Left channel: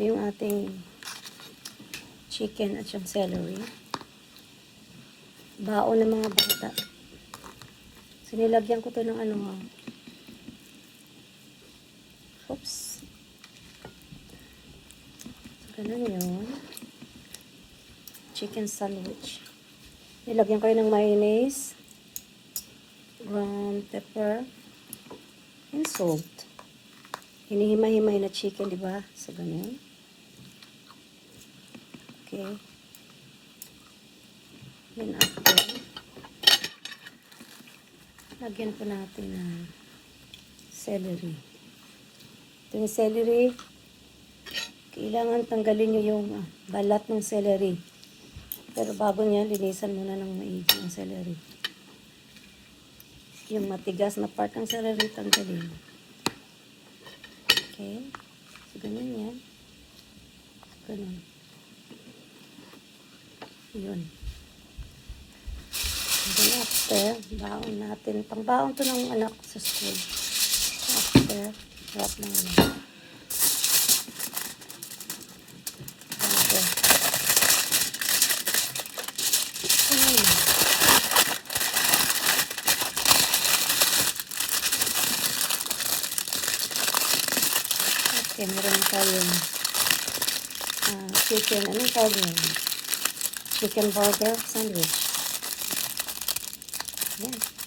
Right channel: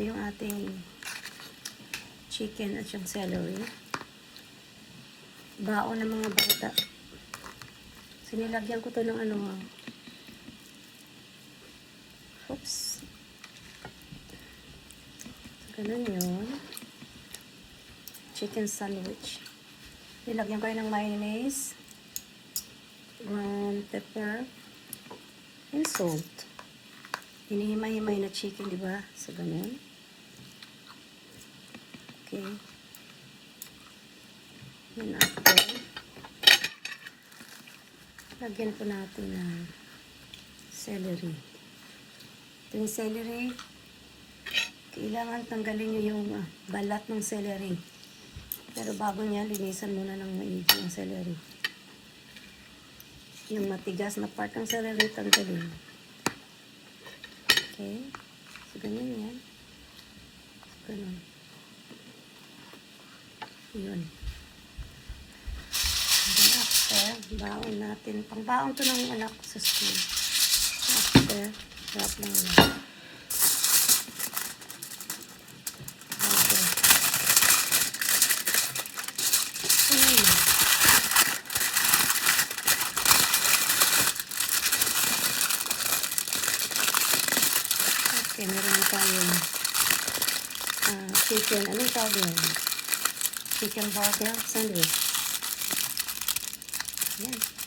Ito yung ating chicken at yung celery. Baon ng mga bata. Sinilagyan ko to ng ano. Oops. Ganun yun. Chicken sandwich. Nilagyan ko yun ng mayonnaise, ground pepper, and salt. Hinihimay-himay na chicken, di ba? So, ganun. Okay. Then after, lagyan po natin ng celery. Ito yung celery. Kailangan tanggalin nyo yung balat ng celery. Pero bago niya, linisan muna ng maigi yung celery. Yung matigas na part ng celery, tanggalin. Okay. So, ganun yan. So, ganun. Yun. Then after, baon natin. Pang-baon to ng anak ko sa school. After, wrap lang lang. Okay. Okay, meron tayong chicken. Anong tawag yun? Chicken burger sandwich. Yan.